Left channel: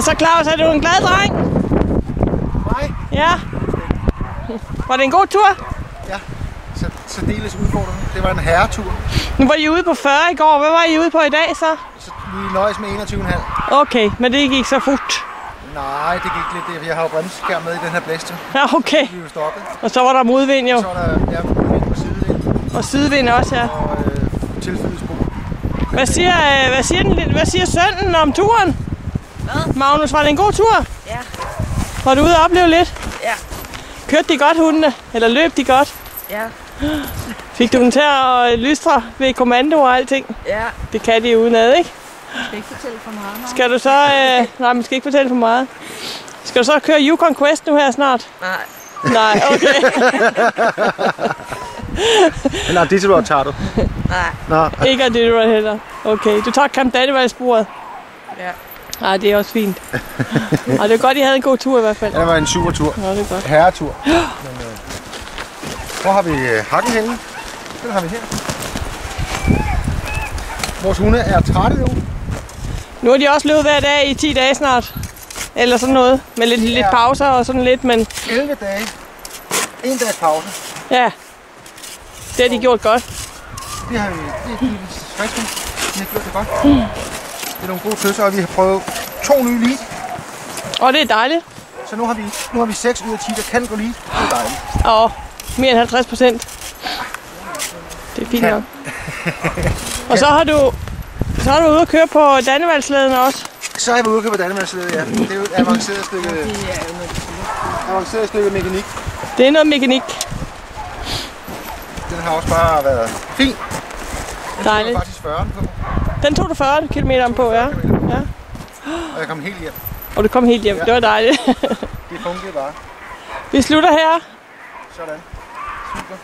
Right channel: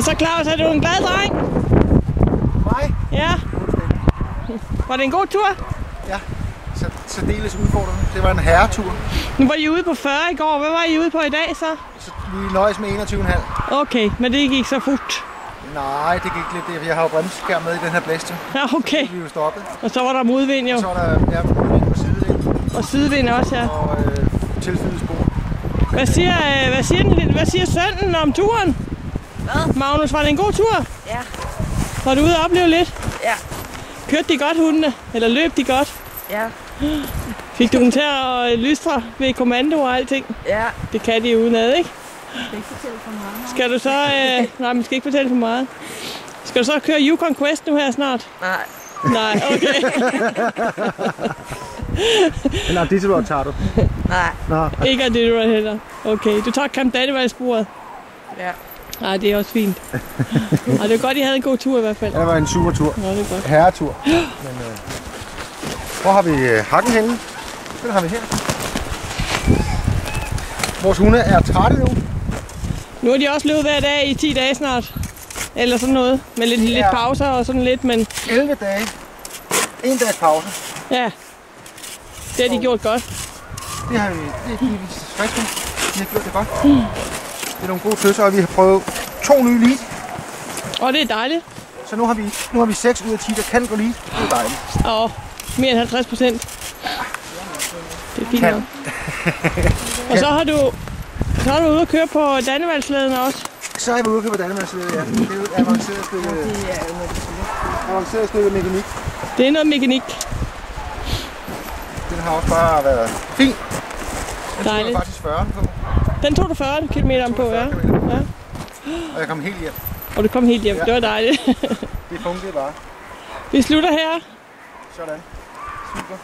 Og så Claus, er du en glad dreng? Mig? Ja. Var det en god tur? Ja, særdeles udfordrende. Det var en herretur. Nu var I ude på 40 i går. Hvad var I ude på i dag så? Så vi nøjes med 21,5. Okay, men det gik så fort. Nej, det gik lidt. Jeg har jo bremseskærm med i den her blæste. Ja, okay. Så vi jo stoppet. Og så var der modvind jo. Og så var der modvind og sidevind. Og sidevind også, ja. Og tilføjet spor. Hvad siger sønnen om turen? Hvad? Magnus, var det en god tur? Ja. Var du ude og opleve lidt? Ja. Kørte de godt, hundene? Eller løb de godt? Ja. Fik du dem til at lystre ved kommando og alting? Ja. Det kan de udenad, ikke? Skal ikke fortælle for meget? Skal du så... nej, man skal ikke fortælle for meget. Skal du så køre Yukon Quest nu her snart? Nej. Nej, okay. Men Iditarod tager du? Nej. Nå. Ikke Iditarod heller. Okay, du tager Camp Dannevald-sporet? Ja. Nej, det er også fint. Og det er godt, I havde en god tur i hvert fald. Ja, det var en super tur. Nå, det er godt. Herretur. Men, hvor har vi hakken henne? Den har vi her. Vores hunde er trætte nu. Nu har de også løbet hver dag i 10 dage snart. Eller sådan noget. Med lidt pauser og sådan lidt, men... 11 dage. 1 dags pause. Ja. Det har de gjort godt. Det har vi friske. Vi har gjort det godt. Det er nogle gode tøsser, og vi har prøvet 2 nye lead. Og det er dejligt. Så nu har vi 6 ud af 10, der kan gå lead. Det er dejligt. Og mere end 50%. Det er fint nok. Og så har du ude at køre på Dannevaldsslæden også. Så er jeg ude at køre på Dannevaldsslæden, ja. Det er jo et avanceret stykke mekanik. Det er noget mekanik. Den har også bare været fin. Den dejligt. tog faktisk 40'eren på. Den tog du 40 km på, ja. Ja. Og jeg kom helt hjem. Og du kom helt hjem. Ja. Det var dejligt. Det fungerede bare. Vi slutter her. Sådan. Super.